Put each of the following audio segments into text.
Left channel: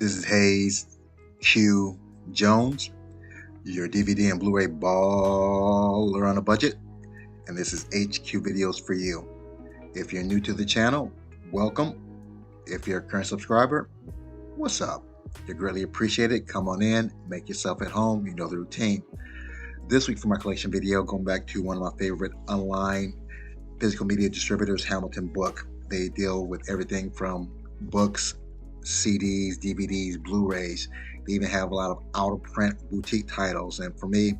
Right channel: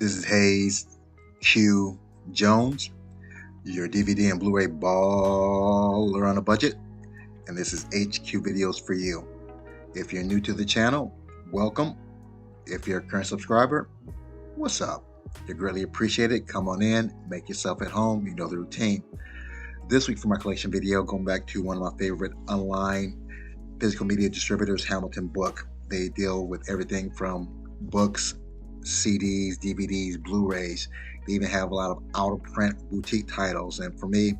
This is Hayes Q Jones, your DVD and Blu-ray baller on a budget, and this is HQ Videos for you. If you're new to the channel, welcome. If you're a current subscriber, what's up? You're greatly appreciated. Come on in, make yourself at home. You know the routine. This week for my collection video, going back to one of my favorite online physical media distributors, Hamilton Book. They deal with everything from books, CDs, DVDs, Blu-rays. They even have a lot of out-of-print boutique titles. And for me,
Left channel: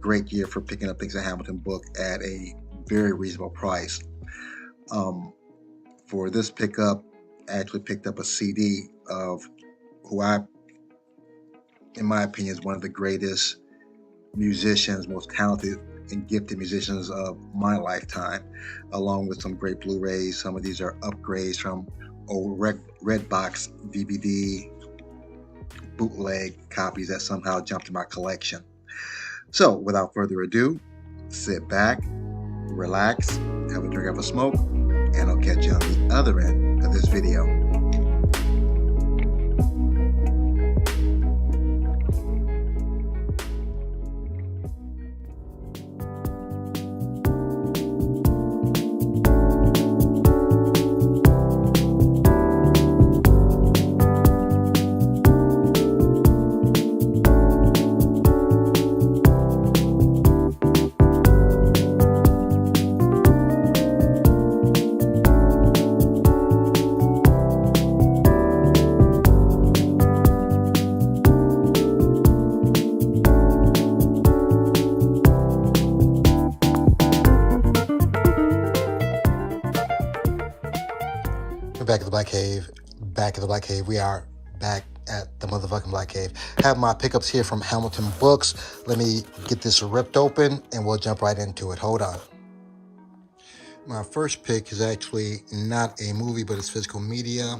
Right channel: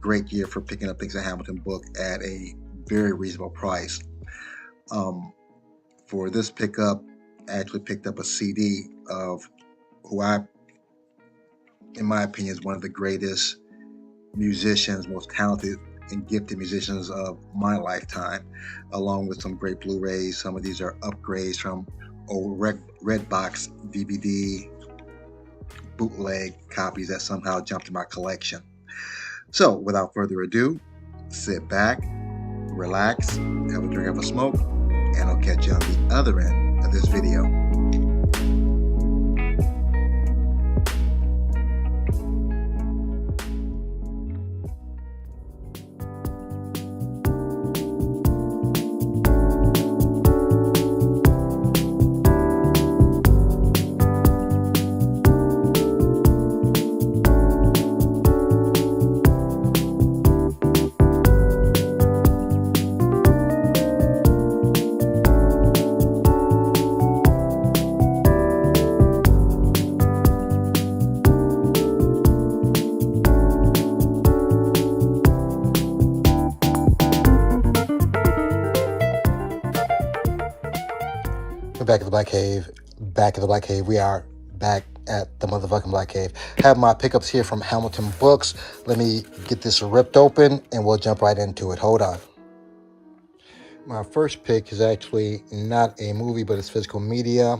great year for picking up things at Hamilton Book at a very reasonable price. For this pickup, I actually picked up a CD of who in my opinion, is one of the greatest musicians, most talented and gifted musicians of my lifetime, along with some great Blu-rays. Some of these are upgrades from old Redbox DVD bootleg copies that somehow jumped in my collection. So without further ado, sit back, relax, have a drink of a smoke, and I'll catch you on the other end of this video. We're back at the Black Cave. Back at the Black Cave. We are back at the motherfucking Black Cave. Have my pickups here from Hamilton Books. Let me get this ripped open and we'll jump right into it. Hold on. My first pick is actually not a movie, but it's physical media.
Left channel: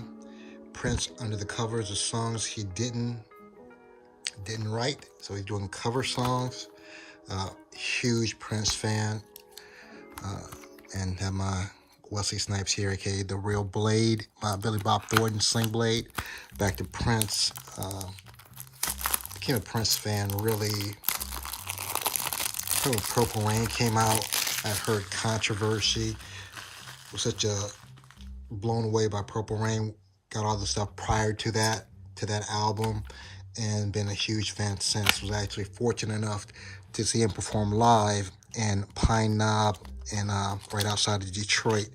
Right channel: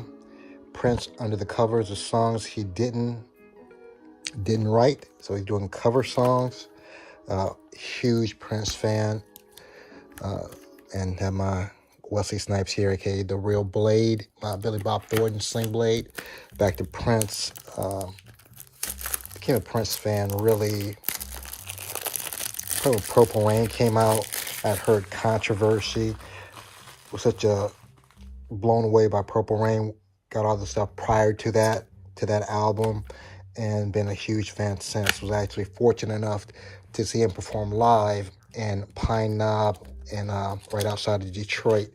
Prince Under the Covers, the songs he didn't write. So he's doing cover songs. Huge Prince fan. And have my Wesley Snipes here, aka The Real Blade, my Billy Bob Thornton Sling Blade. Back to Prince. Became a Prince fan really probably when Purple Rain came out. I'd heard controversy. Was such a blown away by Purple Rain. Got all the stuff prior to that album, and been a huge fan since. Was actually fortunate enough to see him perform live in Pine Knob and right outside of Detroit.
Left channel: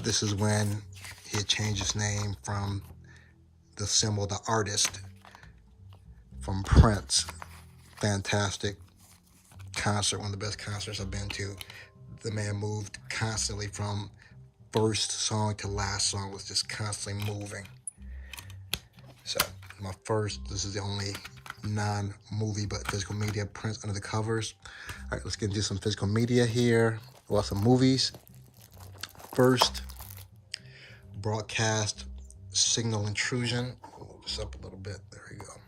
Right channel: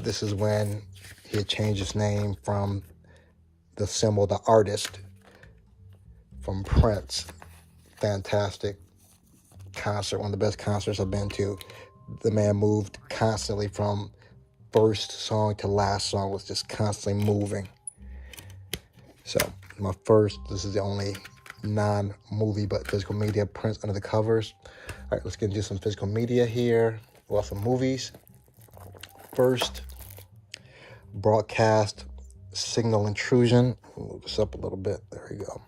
This is when he had changed his name from the symbol, the artist, from Prince. Fantastic concert, one of the best concerts I've been to. The man moved constantly from first song to last song, was just constantly moving. So this is the only non-movie but physical media, Prince Under the Covers. All right, let's get into some physical media here. Well, some movies. First, Broadcast Signal Intrusion. Move this up a little bit. There we go.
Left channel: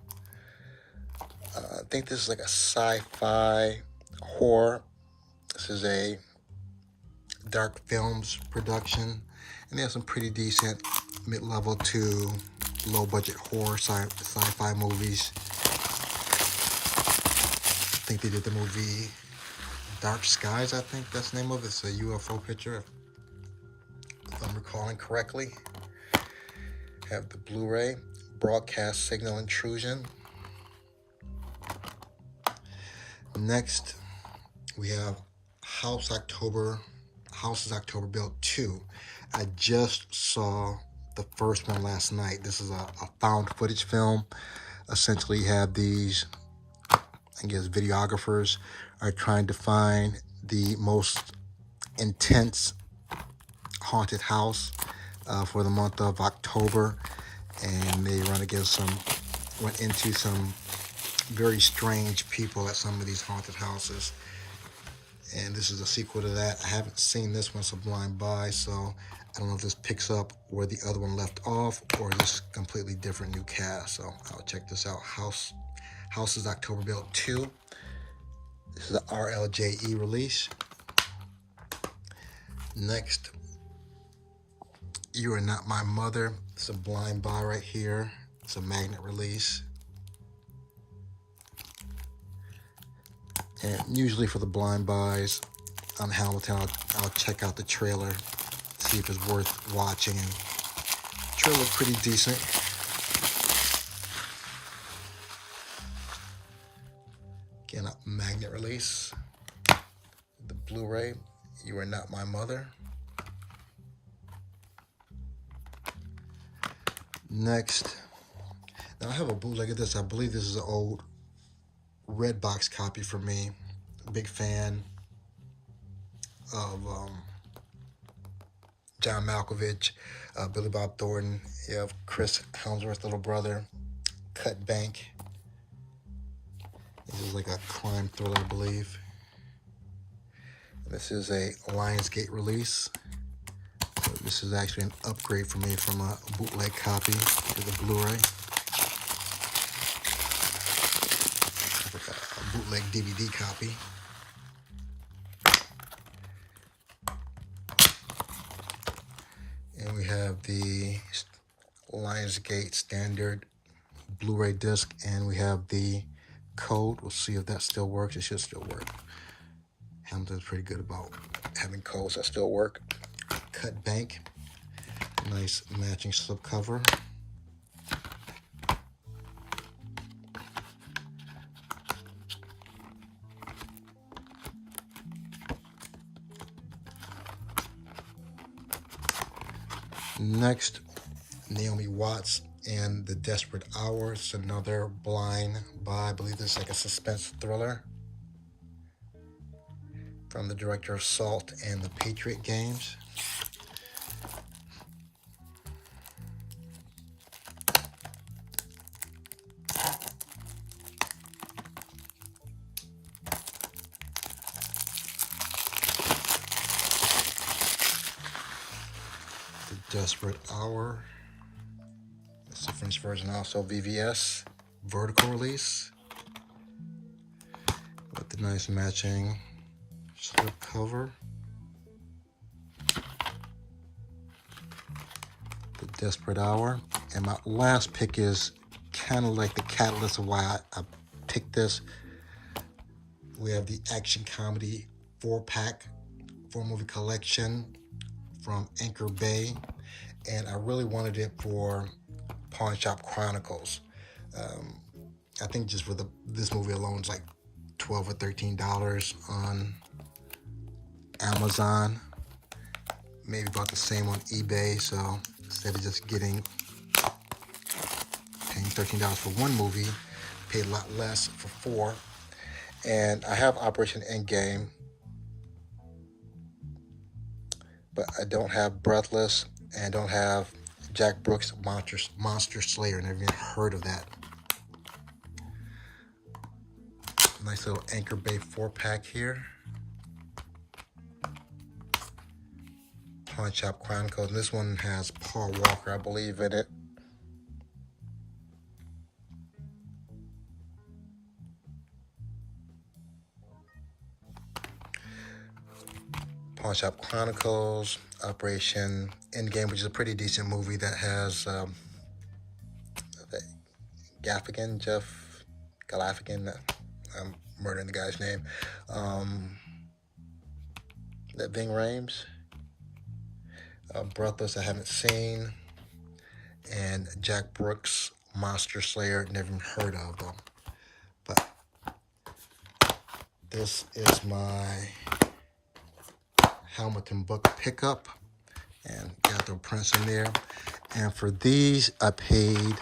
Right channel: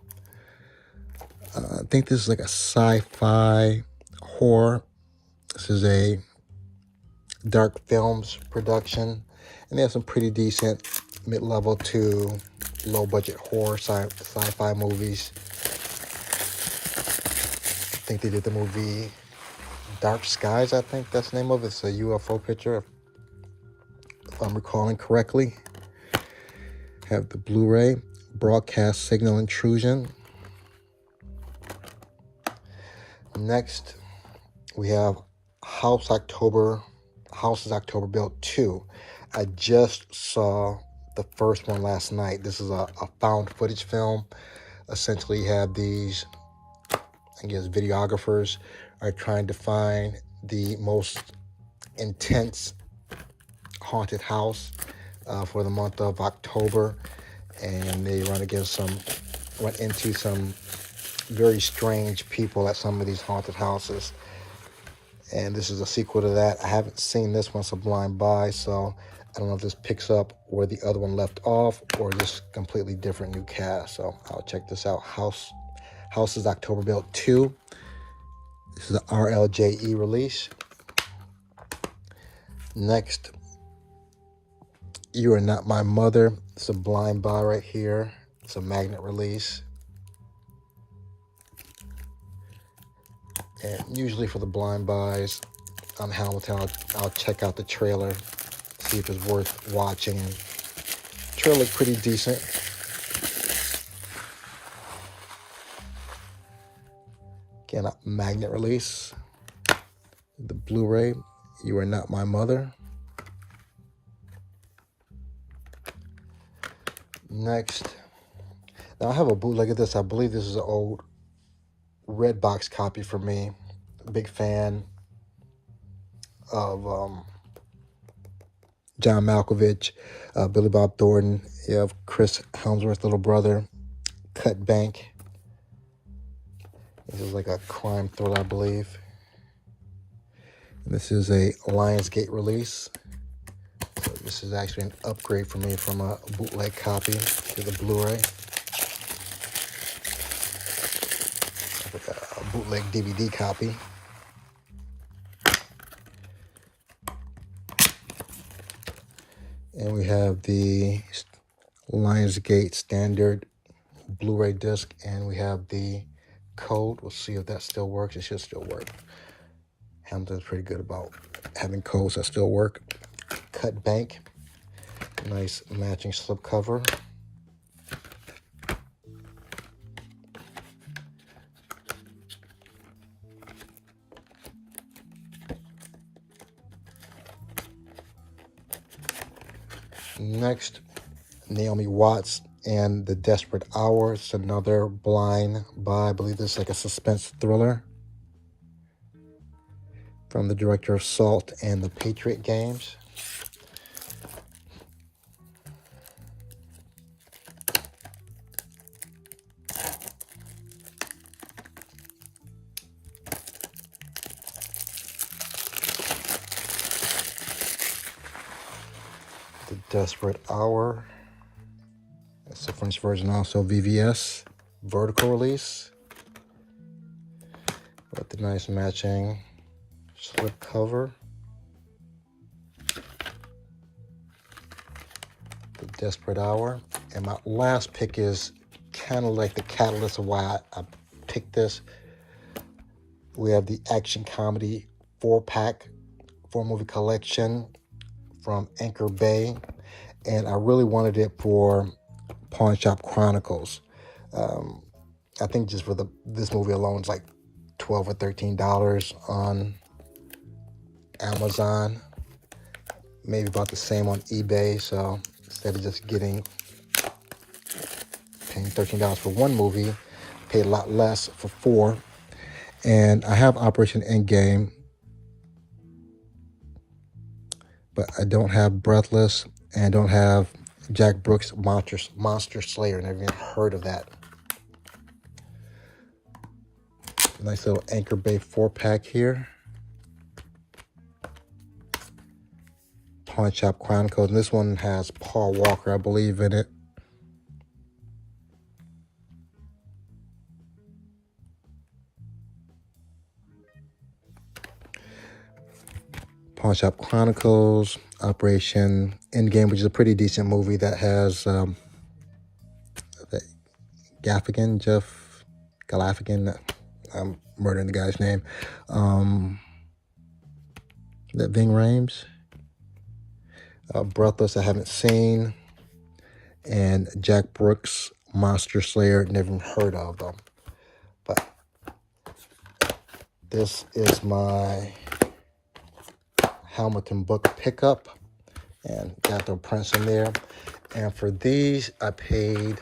I think this is like a sci-fi horror. This is a Dark Films production, and they have some pretty decent mid-level to low-budget horror sci-fi movies. I think they did the movie Dark Skies, I think that's the name of it. It's a UFO picture, if I'm recalling correctly. Have the Blu-ray, Broadcast Signal Intrusion. Next, we have Houses October Built 2. I just saw the first one last night. This is a found footage film. Essentially, you have these, I guess, videographers are trying to find the most intense haunted house for the month of October, and they run into some very strange people at some of these haunted houses. And this is a sequel to that. I haven't seen this one, Sublime By, so I don't know if this picks up where the other one left off or this completely different new cast. So I'll check this out. Houses October Built 2. This is an RLJE release. Next, You Are Not My Mother. It's a blind buy right here. It's a magnet release. And usually for the blind buys on Hamilton, I'll check out the trailer, see if it's worth watching. And the trailer looked pretty decent. Again, a magnet release. The Blu-ray, You Are Not My Mother. Next, now I have a bootleg of this. I believe this is an old Redbox copy for me. Big fan of John Malkovich, Billy Bob Thornton. You have Chris Hemsworth's little brother, Cut Bank. This is like a crime thriller, I believe. This is a Lionsgate release. So this is actually an upgrade for me from a bootleg copy to the Blu-ray. Like a bootleg DVD copy. And we have the Lionsgate standard Blu-ray disc, and we have the code. We'll see if that still works. It should still work. Hamilton's pretty good about having codes that still work. Cut Bank, nice matching slipcover. Next, Naomi Watts and The Desperate Hour. It's another blind buy. I believe this is like a suspense thriller from the director of Salt and the Patriot Games. The Desperate Hour. That's the French version, also VVS vertical release with the nice matching slip cover. The Desperate Hour. And my last pick is kind of like the catalyst of why I picked this. We have the action comedy 4-pack, 4-movie collection from Anchor Bay, and I really wanted it for Pawn Shop Chronicles. I think just for this movie alone is like $12 or $13 on Amazon, maybe about the same on eBay. So instead of just paying $13 for one movie, paid a lot less for 4. And I have Operation Endgame, but I don't have Breathless, and I don't have Jack Brooks' Monster Slayer. Never even heard of that. Nice little Anchor Bay 4-pack here. Pawn Shop Chronicles. And this one has Paul Walker, I believe, in it. Pawn Shop Chronicles, Operation Endgame, which is a pretty decent movie that has Jeff Gaffigan. I'm murdering the guy's name. That Ving Rhames. Breathless, I haven't seen. And Jack Brooks, Monster Slayer, never even heard of them. But this is my Hamilton book pickup, and got the prints in there. And for these, I paid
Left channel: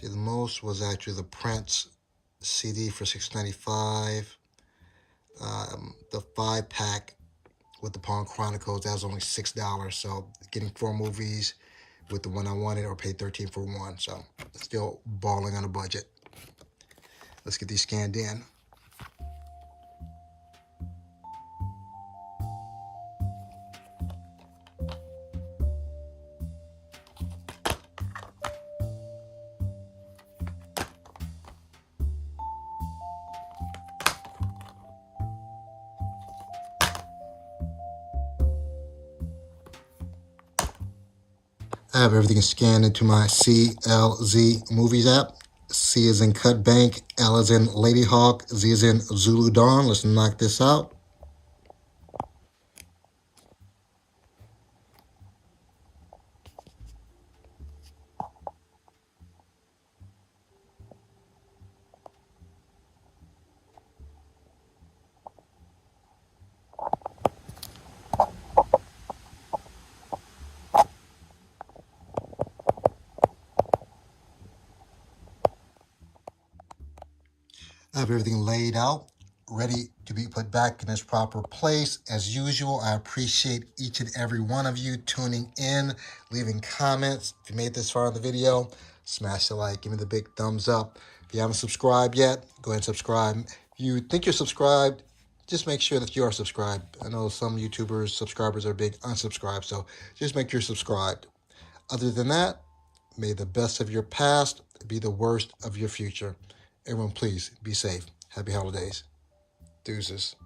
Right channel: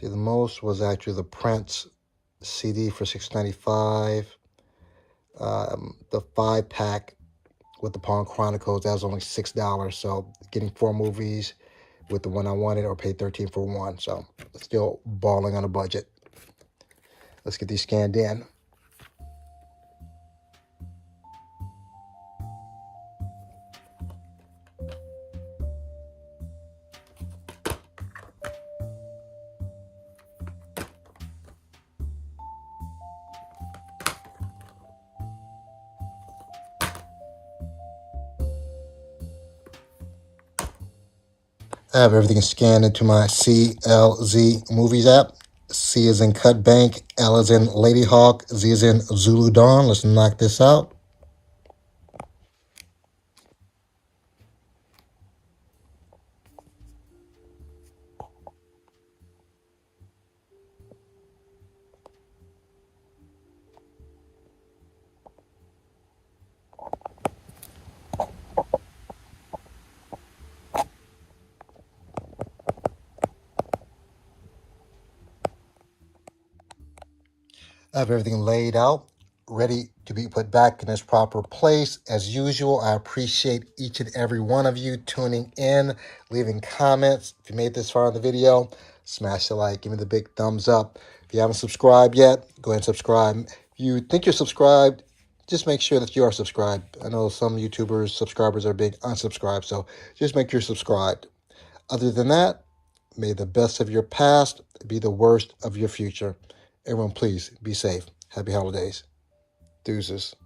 the most was actually the Prince CD for $6.95. The 5-pack with the Pawn Chronicles, that was only $6. So getting 4 movies with the one I wanted, or paid $13 for one. So still balling on a budget. Let's get these scanned in. I have everything scanned into my CLZ Movies app. C is in Cut Bank, L is in Lady Hawk, Z is in Zulu Dawn. Let's knock this out. I have everything laid out, ready to be put back in its proper place. As usual, I appreciate each and every one of you tuning in, leaving comments. If you made this far in the video, smash the like, give me the big thumbs up. If you haven't subscribed yet, go ahead and subscribe. If you think you're subscribed, just make sure that you are subscribed. I know some YouTubers, subscribers are being unsubscribed, so just make sure you're subscribed. Other than that, may the best of your past be the worst of your future. Everyone, please be safe. Happy holidays. Deuces.